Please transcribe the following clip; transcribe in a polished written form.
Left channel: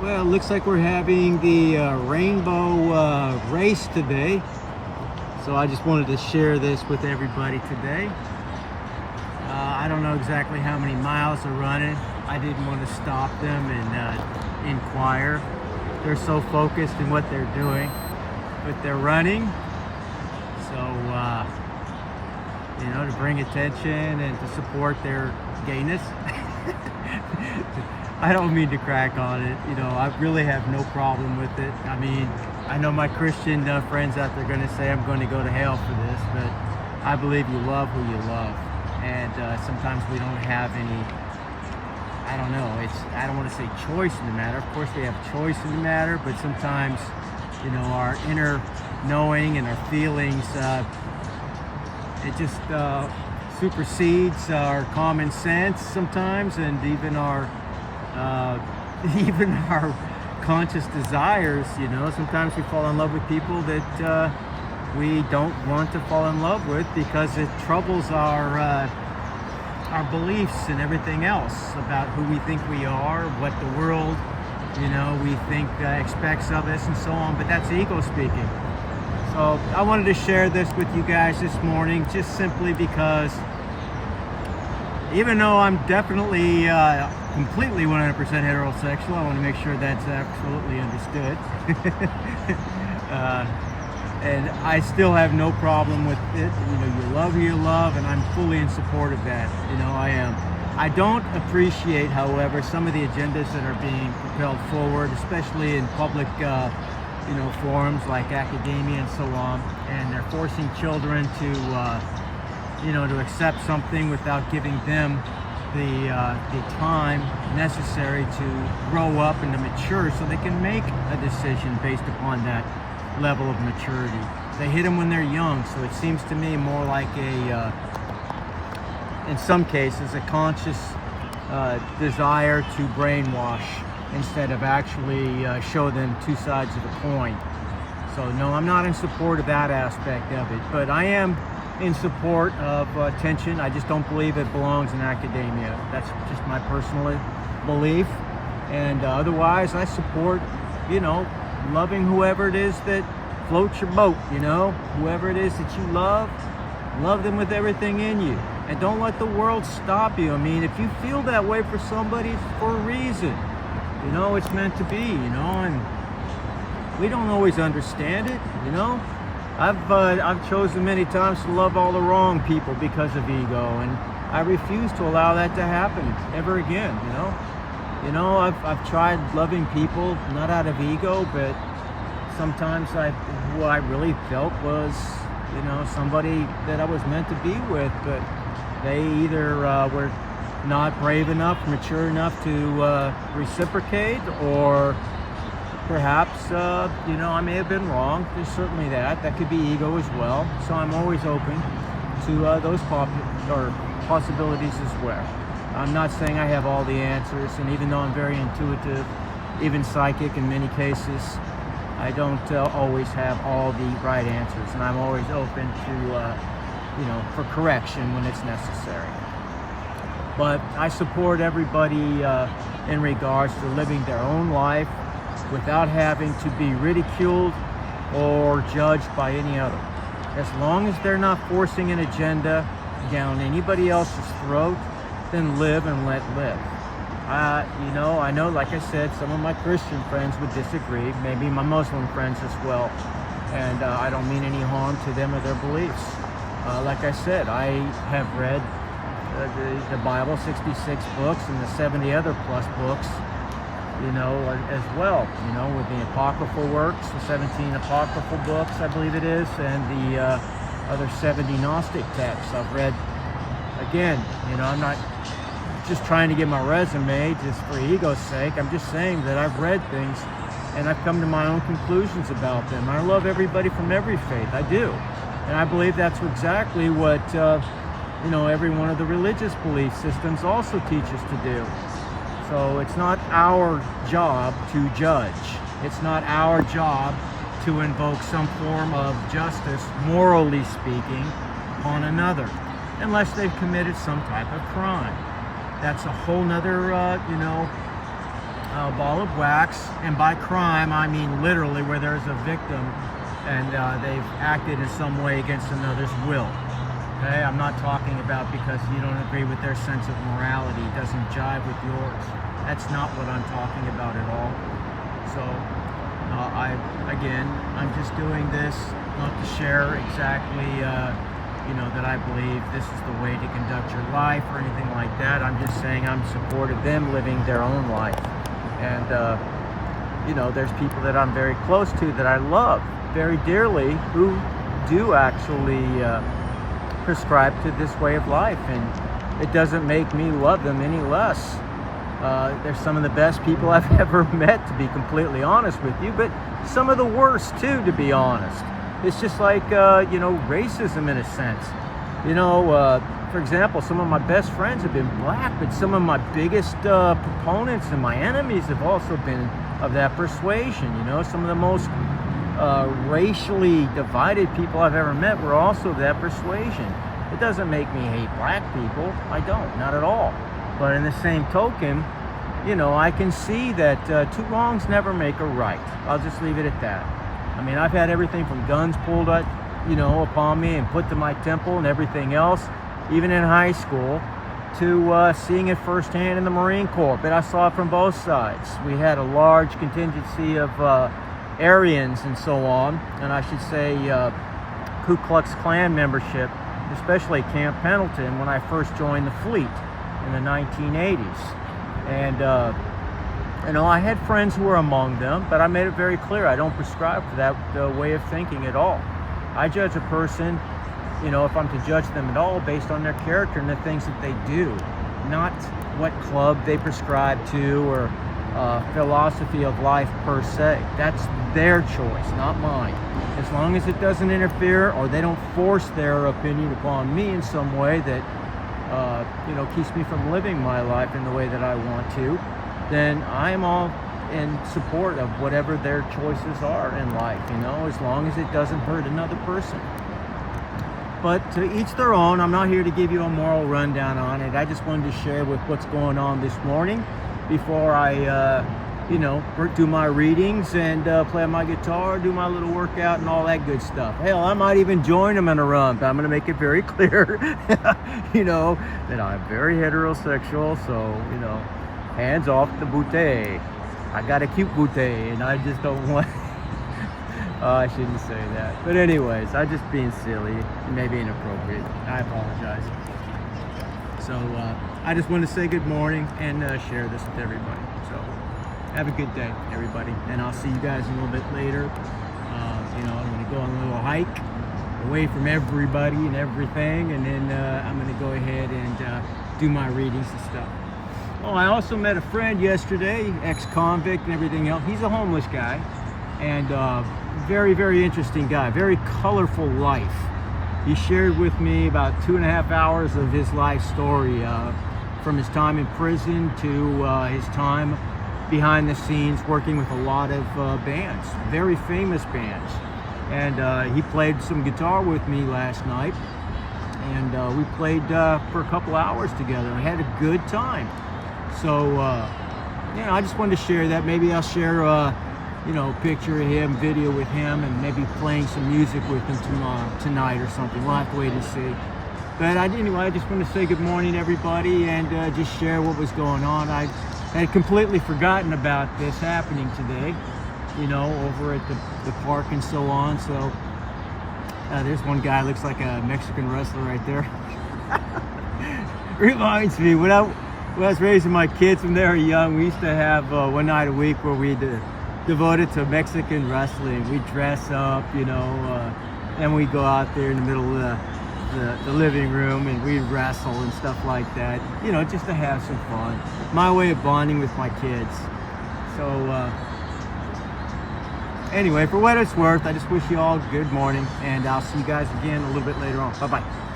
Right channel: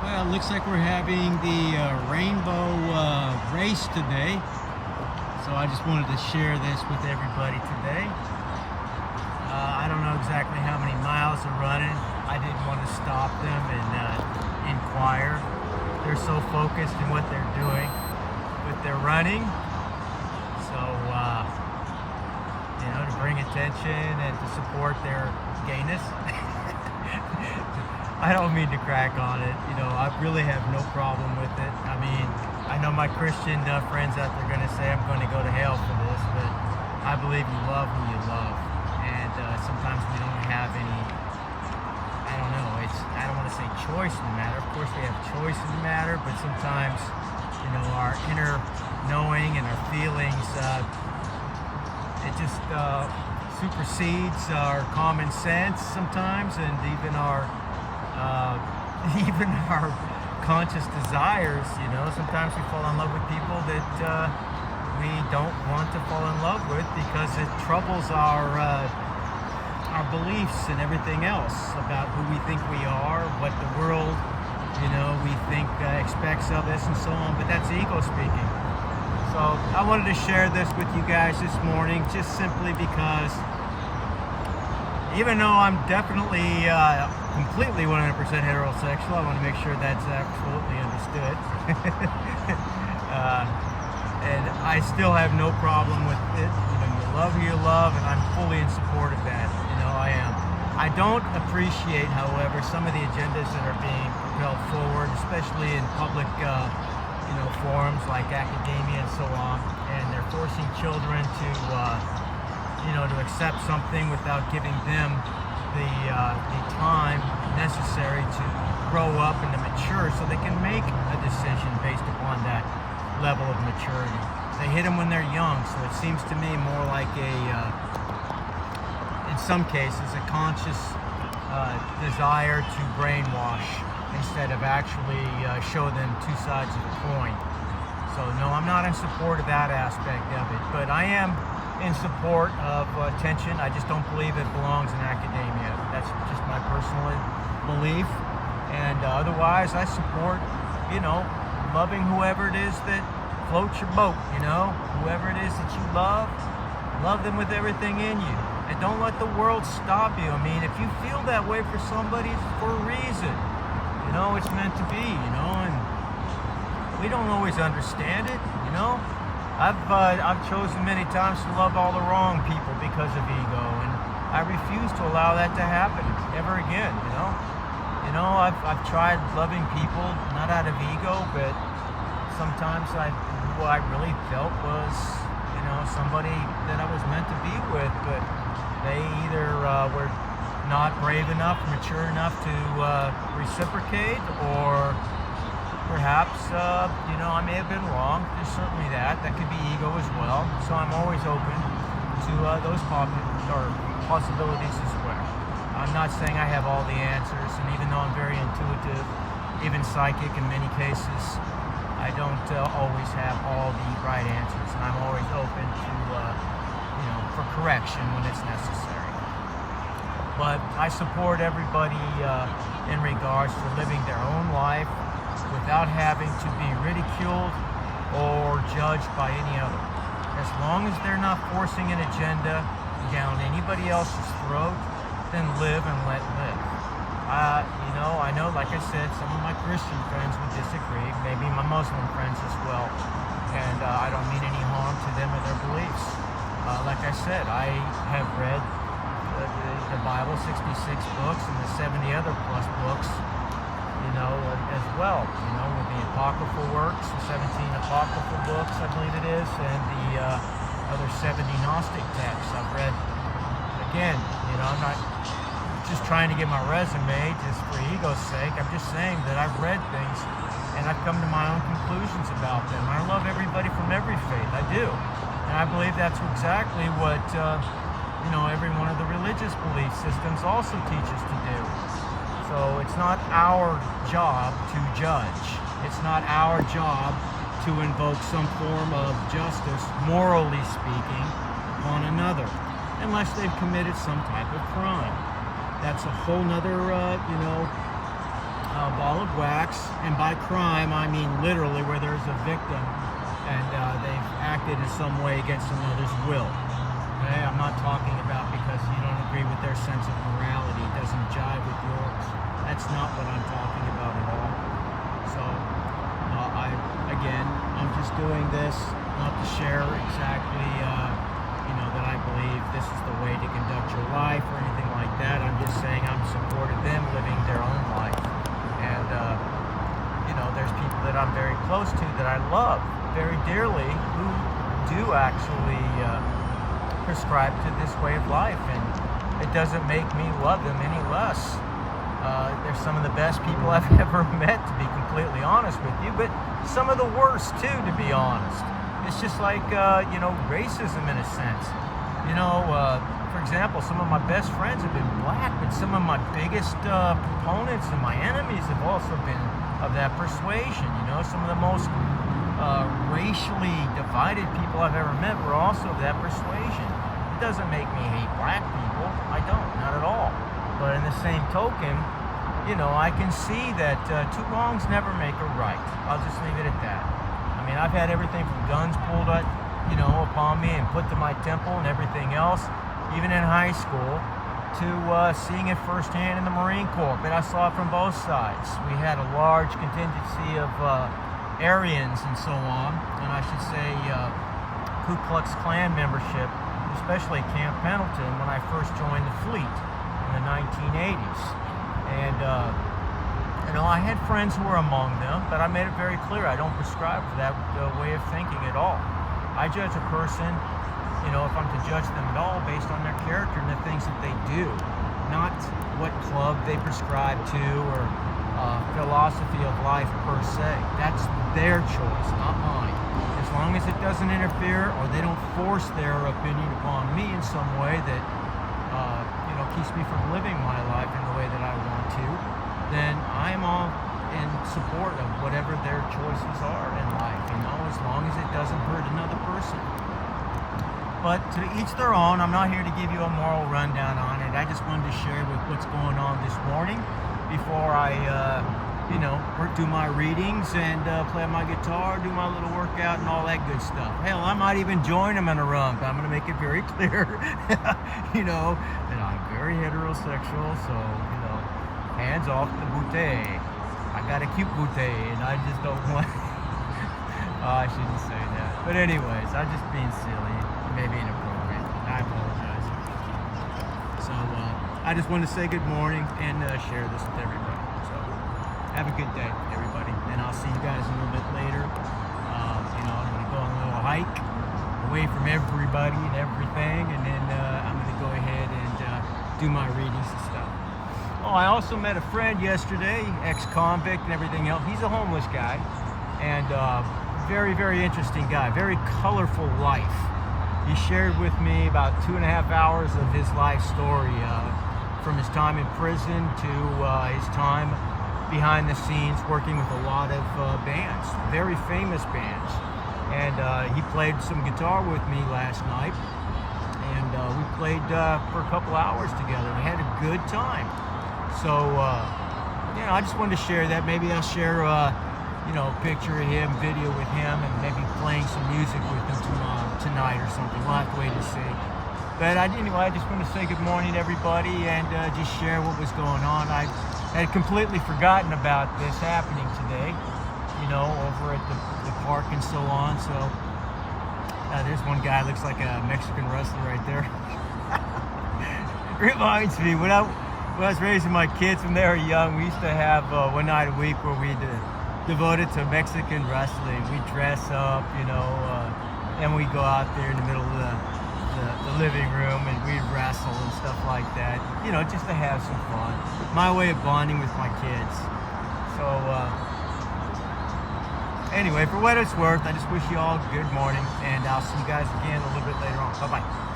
Well, it looks like we're having the rainbow race today. So I just wanted to share this with everybody today. I don't know exactly how many miles they're running. I didn't want to stop them and inquire. They're so focused in what they're doing, but they're running. So, to bring attention and to support their gayness. I don't mean to crack on it. I really have no problem with it. I mean, I know my Christian friends out there are going to say I'm going to go to hell for this, but I believe you love who you love. And sometimes we don't have any, I don't want to say choice in the matter. Of course we have choice in the matter, but sometimes, our inner knowing and our feelings, it just supersedes our common sense sometimes, and even our conscious desires. Sometimes we fall in love with people that we don't want to fall in love with because it troubles our beliefs and everything else about who we think we are, what the world, we think expects of us and so on. But that's ego speaking. So I wanted to share this with you guys this morning, just simply because even though I'm definitely completely 100% heterosexual, I want to make sure that's absolutely understood. And I still have no problem with it. You love who you love, and I'm fully in support of that. I am. I don't appreciate, however, some of the agendas that are being propelled forward, especially in public forums like academia and so on, and they're forcing children to accept something without giving them the time necessary to grow up and to mature so they can make a decision based upon that level of maturity. They hit them when they're young, so it seems to me more like in some cases, a conscious desire to brainwash instead of actually show them two sides of the coin. So no, I'm not in support of that aspect of it, but I am in support of attention. I just don't believe it belongs in academia. That's just my personal belief. And otherwise, I support, loving whoever it is that floats your boat, whoever it is that you love them with everything in you. And don't let the world stop you. I mean, if you feel that way for somebody, it's for a reason. It's meant to be, and we don't always understand it, I've chosen many times to love all the wrong people because of ego, and I refuse to allow that to happen ever again. I've tried loving people not out of ego, but sometimes who I really felt was somebody that I was meant to be with, but they either were not brave enough, mature enough to reciprocate, or perhaps, I may have been wrong. There's certainly that. That could be ego as well. So I'm always open to those possibilities as well. I'm not saying I have all the answers, and even though I'm very intuitive, even psychic in many cases, I don't always have all the right answers, and I'm always open to, for correction when it's necessary. But I support everybody in regards to living their own life without having to be ridiculed or judged by any other. As long as they're not forcing an agenda down anybody else's throat, then live and let live. I know, like I said, some of my Christian friends would disagree, maybe my Muslim friends as well, and I don't mean any harm to them or their beliefs. Like I said, I have read the Bible, 66 books, and the 70 other plus books, as well, with the apocryphal works, the 17 apocryphal books, I believe it is, and the other 70 Gnostic texts I've read. Again, I'm not just trying to get my resume just for ego's sake. I'm just saying that I've read things and I've come to my own conclusions about them. I love everybody from every faith, I do. And I believe that's exactly what, every one of the religious belief systems also teach us to do. So it's not our job to judge. It's not our job to invoke some form of justice, morally speaking, upon another, unless they've committed some type of crime. That's a whole nother, a ball of wax, and by crime I mean literally where there's a victim and they've acted in some way against another's will. Okay, I'm not talking about because you don't agree with their sense of morality, it doesn't jive with yours. That's not what I'm talking about at all. So I'm just doing this not to share exactly that I believe this is the way to conduct your life or anything like that. I'm just saying I'm supportive of them living their own life. And there's people that I'm very close to that I love very dearly who do actually prescribe to this way of life, and it doesn't make me love them any less. They're some of the best people I've ever met, to be completely honest with you, but some of the worst too, to be honest. It's just like racism in a sense. For example, some of my best friends have been black, but some of my biggest proponents and my enemies have also been of that persuasion. Some of the most racially divided people I've ever met were also of that persuasion. It doesn't make me hate black people. I don't, not at all. But in the same token, I can see that two wrongs never make a right. I'll just leave it at that. I mean, I've had everything from guns pulled up, upon me and put to my temple and everything else, even in high school, to seeing it firsthand in the Marine Corps. But I saw it from both sides. We had a large contingency of Aryans and so on, and I should say Ku Klux Klan membership, especially at Camp Pendleton when I first joined the fleet in the 1980s. And I had friends who were among them, but I made it very clear I don't prescribe to that way of thinking at all. I judge a person, if I'm to judge them at all, based on their character and the things that they do, not what club they prescribe to or philosophy of life per se. That's their choice, not mine. As long as it doesn't interfere or they don't force their opinion upon me in some way that keeps me from living my life in the way that I want to, then I am all in support of whatever their choices are in life, as long as it doesn't hurt another person. But to each their own. I'm not here to give you a moral rundown on it. I just wanted to share with what's going on this morning before I do my readings and play my guitar, do my little workout and all that good stuff. Hell, I might even join them in a run, but I'm going to make it very clear, that I'm very heterosexual, so, hands off the booty. I got a cute booty, and I just don't want... I shouldn't say that. But anyways, I'm just being silly, maybe inappropriate. I apologize. So, I just wanted to say good morning and share this with everybody. So, have a good day, everybody. And I'll see you guys a little bit later. I'm going to go on a little hike away from everybody and everything. And then I'm going to go ahead and do my readings and stuff. Oh, I also met a friend yesterday, ex-convict and everything else. He's a homeless guy. And very, very interesting guy. Very colorful life. He shared with me about 2.5 hours of his life story, from his time in prison to his time behind the scenes working with a lot of bands, very famous bands. And he played some guitar with me last night, and we played for a couple hours together. We had a good time. So, I just wanted to share that. Maybe I'll share a picture of him, video with him, and maybe playing some music with him tonight or something. We'll have to wait and see. But anyway, I just want to say good morning to everybody and just share what was going on. I had completely forgotten about this happening today, over at the park and so on. So there's one guy, looks like a Mexican wrestler right there. Reminds me, when I was raising my kids when they were young, we used to have one night a week where we devoted to Mexican wrestling. We dress up, and we go out there in the middle of the living room and we wrestle and stuff like that, just to have some fun. My way of bonding with my kids. So anyway, for what it's worth, I just wish you all good morning, and I'll see you guys again a little bit later on. Bye-bye.